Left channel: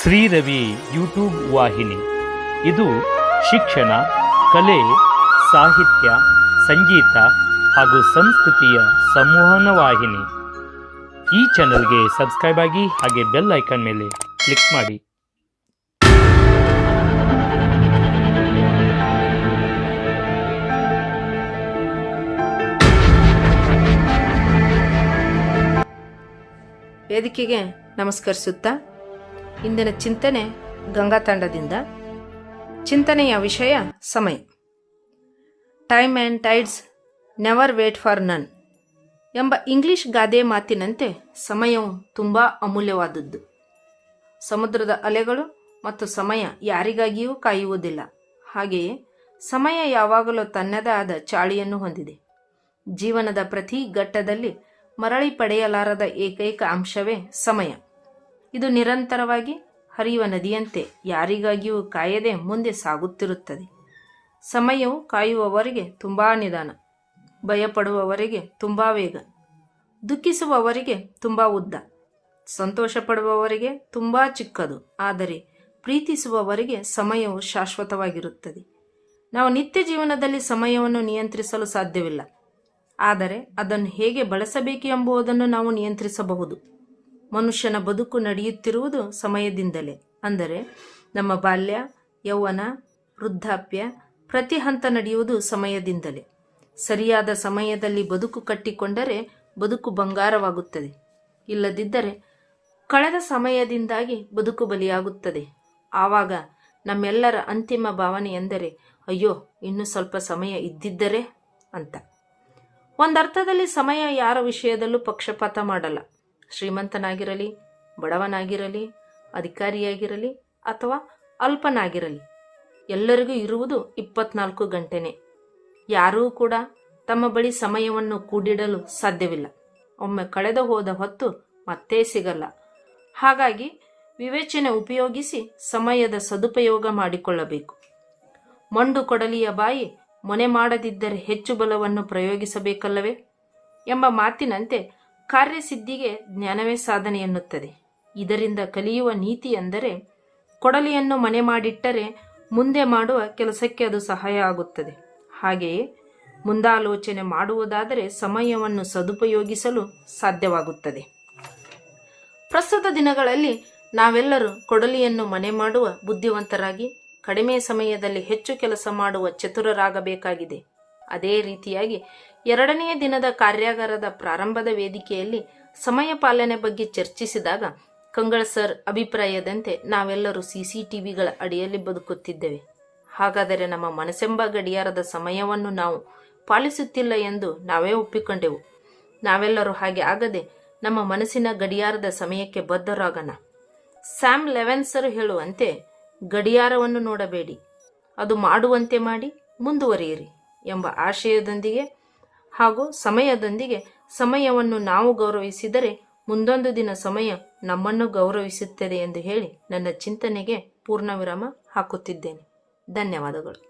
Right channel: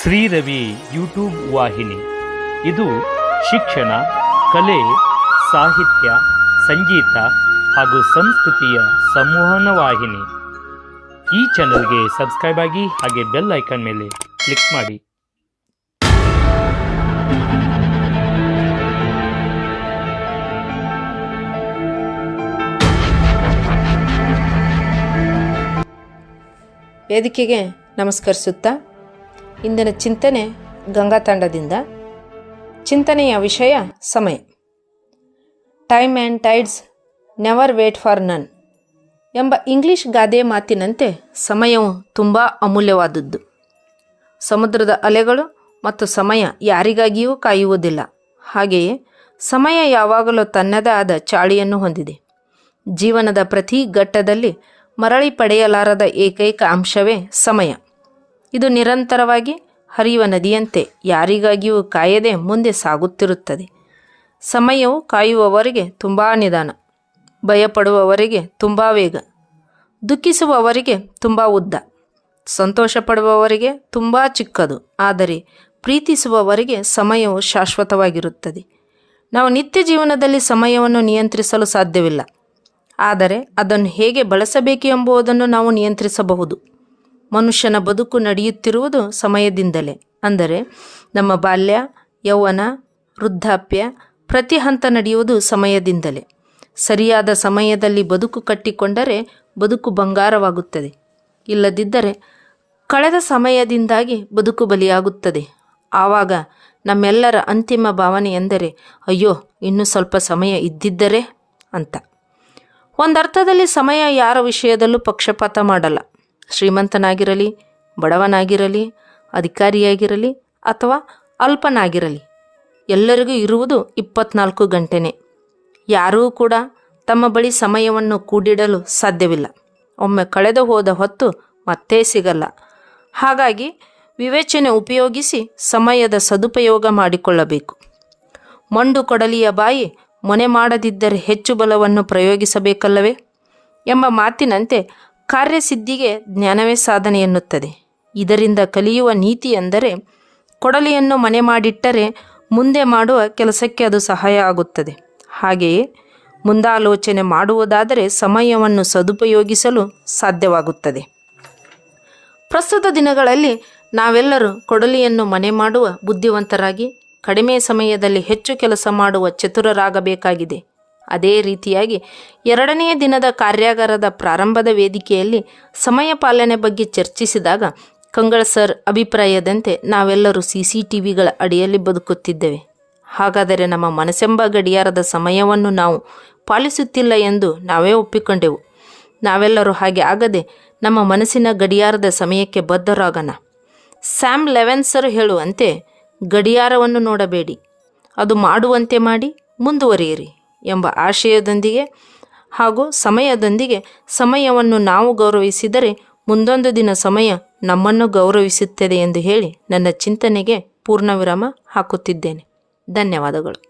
Sriravi YouTube ವಾಹಿನಿ. ಇದು ಶಿಕ್ಷಣ, ಕಲೆ, ಸಾಹಿತ್ಯ, ಸಂಗೀತ ಹಾಗೂ ಸಂಸ್ಕೃತಿಯ ಸಂವಹನ ವಾಹಿನಿ. ಈ ಚಾನಲ್ಗೆ ಸಬ್ಸ್ಕ್ರೈಬ್ ಆಗಿ ಹಾಗೆ ಬೆಲ್ ಐಕಾನ್ ಮೇಲೆ ಕ್ಲಿಕ್ ಮಾಡಿ. ವೇದಿಕೆಗೆ ನಮಸ್ಕರಿಸುತ್ತಾ ಇಂದಿನ ಚಿಂತನೆ ಗಂಗಾ ತಂಡದಿಂದ. ಚಿಂತನೆಯ ವಿಷಯ ಸಮಯ. Time and tides never wait for none ಎಂಬ ಇಂಗ್ಲಿಷ್ ಗಾದೆ ಮಾತಿನಂತೆ ಸಮಯವು ತುಂಬ ಅಮೂಲ್ಯವಾದದ್ದು. ಸಮುದ್ರದ ಅಲೆಗಳು ಮತ್ತು ಸಮಯ ಯಾರಿಗಾಗಿಯೂ ಕಾಯುವುದಿಲ್ಲ. ಹಾಗೆಯೇ ಸಮಯ ಯಾವಾಗಲೂ ತನ್ನದೇ ಆದ ಚಾಳಿಯನ್ನು ಹೊಂದಿದೆ. ಜೀವನದ ಪ್ರತಿ ಘಟ್ಟದಲ್ಲಿ ಮರಳಿ ಪಡೆಯಲಾರದ ಏಕೈಕ ಅಂಶವೇ ಸಮಯ. ಇದು ನಿರಂತರವಾಗಿ ಹರಿಯುವ ನದಿಯಂತೆ ಯಾರಿಗಾಗಿಯೂ ಕಾಯದೆ ಮುಂದೆ ಸಾಗುತ್ತಿರುತ್ತದೆ. ಸಮಯವು ಕಾಯುವವರಿಗೆ ತುಂಬ ನಿಧಾನ, ಭಯಪಡುವವರಿಗೆ ತುಂಬ ವೇಗ, ದುಃಖಿಸುವವರಿಗೆ ತುಂಬ ಉದ್ದ ಸಂತೋಷ ಪಡುವವರಿಗೆ ತುಂಬ ಚಿಕ್ಕದು, ಆದರೆ ಪ್ರೀತಿಸುವವರಿಗೆ ಸಮಯವು ಶಾಶ್ವತವಾಗಿರುತ್ತದೆ. ನಾವು ನಿತ್ಯ ಜೀವನದಲ್ಲಿ ಸಮಯವನ್ನು ನಿಯಂತ್ರಿಸಲು ಸಾಧ್ಯವಿಲ್ಲ, ಆದರೆ ಅದನ್ನು ಹೇಗೆ ಬಳಸಬೇಕು ಎಂಬುದನ್ನು ನಾವು ನಿಯಂತ್ರಿಸಬಹುದು. ಮನುಷ್ಯನ ಬದುಕು ನಡೆಯುತ್ತಿರುವುದು ಸಮಯದಿಂದಲೇ. ಅಂದರೆ ನಮ್ಮ ಬಾಲ್ಯ, ಯೌವನ, ವೃದ್ಧಾಪ್ಯ ಪ್ರತಿ ಹಂತ ನಡೆಯುವುದು ಸಮಯದಿಂದಲೇ. ಸರಿಯಾದ ಸಮಯದಲ್ಲಿ ಬದುಕು ಕಟ್ಟಿಕೊಂಡರೆ ಬದುಕು ಬಂಗಾರವಾಗುತ್ತದೆ. ಇಲ್ಲದಿದ್ದರೆ ಕಳೆದ ಸಮಯದಿಂದಾಗಿ ಬದುಕು ಬಲಿಯಾಗುತ್ತದೆ. ಆವಾಗ ನಮ್ಮೆಲ್ಲರ ಅಂತಿಮ ಭಾವನೆ ಎಂದರೆ, ಅಯ್ಯೋ, ಇನ್ನೂ ಸ್ವಲ್ಪ ಸಮಯ ಇದ್ದಿದ್ದರೆ ಅಂತ. ಒಂದರ್ಥದಲ್ಲಿ ಸಮಯ ಯಾರ ವಿಷಯದಲ್ಲೂ ಪಕ್ಷಪಾತ ಮಾಡಲ್ಲ. ಶ್ರೀಮಂತನಾಗಿರಲಿ, ಬಡವನಾಗಿರಲಿ, ಅಧಿಕಾರಿಯಾಗಿರಲಿ ಅಥವಾ ಅಲ್ಪನಾಗಿರಲಿ, ಎಲ್ಲರಿಗೂ ಇರುವುದು ಇಪ್ಪತ್ನಾಲ್ಕು ಗಂಟೆನೇ. ಯಾರೂ ಕೂಡ ತಮ್ಮ ಬಳಿ ಸಮಯವನ್ನು ಕೂಡಿಡಲು ಸಾಧ್ಯವಿಲ್ಲ. ಒಮ್ಮೆ ಕಳೆದು ಹೋದ ಹೊತ್ತು ಮತ್ತೆ ಸಿಗಲ್ಲ. ಹಾಗಾಗಿ ವಿವೇಚನೆ ಉಪಯೋಗಿಸಿ ಸಮಯದ ಸದುಪಯೋಗ ಮಾಡಿಕೊಳ್ಳಬೇಕು. ಮಂಡು ಕೊಡಲಿಯ ಬಾಯಿ ಮೊನೆ ಮಾಡದಿದ್ದರೆ ಹೆಚ್ಚು ಬಲವನ್ನು ಪ್ರಯೋಗಿಸಬೇಕಲ್ಲವೇ? ಎಂಬ ಮಾತಿನಂತೆ ಕಾರ್ಯಸಿದ್ಧಿಗೆ ಜ್ಞಾನವೇ ಸಾಧನೆ ಎನ್ನುತ್ತದೆ. ಇದರಿಂದ ಕಲಿಯುವ ನೀತಿ ಎಂದರೆ ಕೊಡಲಿಯನ್ನು ಮನೆ ಮಾಡಿಟ್ಟರೆ ಮುಂದೆ ಮಾಡುವ ಕೆಲಸಕ್ಕೆ ಅದು ಸಹಾಯ ಆಗುತ್ತದೆ. ಹಾಗೆಯೇ ಮುಂದಾಲೋಚನೆ ಮಾಡುವುದಾದರೆ ಸಮಯವನ್ನು ಸದುಪಯೋಗಿಸಲು ಸಾಧ್ಯವಾಗುತ್ತದೆ. ಪ್ರಸ್ತುತ ದಿನಗಳಲ್ಲಿ ನಾವೆಲ್ಲರೂ ಕೊಡಲಿಯನ್ನು ಮನೆ ಮಾಡುವ ಬುದ್ಧಿವಂತರಾಗಿ ಕಡಿಮೆ ಸಮಯದಲ್ಲಿ ಹೆಚ್ಚು ಕೆಲಸ ಮಾಡುವ ಚತುರರಾಗಬೇಕಾಗಿದೆ. ಅದೇ ರೀತಿಯಾಗಿ ಎರಡನೆಯ ದಿನದ ಕಾರ್ಯಾಗಾರದ ಪ್ರಾರಂಭದ ವೇದಿಕೆಯಲ್ಲಿ ಸಮಯ ಪಾಲನೆ ಬಗ್ಗೆ ಚರ್ಚಿಸಿದಾಗ ಕಂಗಳ ಸರ್ ಅಭಿಪ್ರಾಯದಂತೆ ನಾವೆಲ್ಲರೂ ಸಿ ಸಿ ಟಿ ವಿಗಳ ಅಡಿಯಲ್ಲಿ ಬದುಕುತ್ತಿದ್ದೇವೆ. ಹಾಗಾದರೆ ನಮ್ಮ ಮನಸ್ಸೆಂಬ ಗಡಿಯಾರದ ಸಮಯವನ್ನು ನಾವು ಪಾಲಿಸುತ್ತಿಲ್ಲ ಎಂದು ನಾವೇ ಒಪ್ಪಿಕೊಂಡೆವು. ನಾವೆಲ್ಲರೂ ಹಾಗೆ ಆಗದೆ ನಮ್ಮ ಮನಸ್ಸಿನ ಗಡಿಯಾರದ ಸಮಯಕ್ಕೆ ಬದ್ಧರಾಗೋಣ. ಸ್ಯಾಮ್ ಲೆವೆನ್ಸರ್ ಹೇಳುವಂತೆ, ಗಡಿಯಾರವನ್ನು ನೋಡಬೇಡಿ. ಅದು ಮಾಡುವಂತೆ ಮಾಡಿ ಮುಂದುವರಿಯಿರಿ. ಎಂಬ ಆಶಯದೊಂದಿಗೆ ಹಾಗೂ ಸಮಯದೊಂದಿಗೆ ಸಮಯವನ್ನು ನಾವು ಗೌರವಿಸಿದರೆ ಮುಂದೊಂದು ದಿನ ಸಮಯ ನಮ್ಮನ್ನು ಗೌರವಿಸುತ್ತದೆ ಎಂದು ಹೇಳಿ ನನ್ನ ಚಿಂತನೆಗೆ ಪೂರ್ಣ ವಿರಾಮ ಹಾಕುತ್ತಿದ್ದೇನೆ. ಧನ್ಯವಾದಗಳು.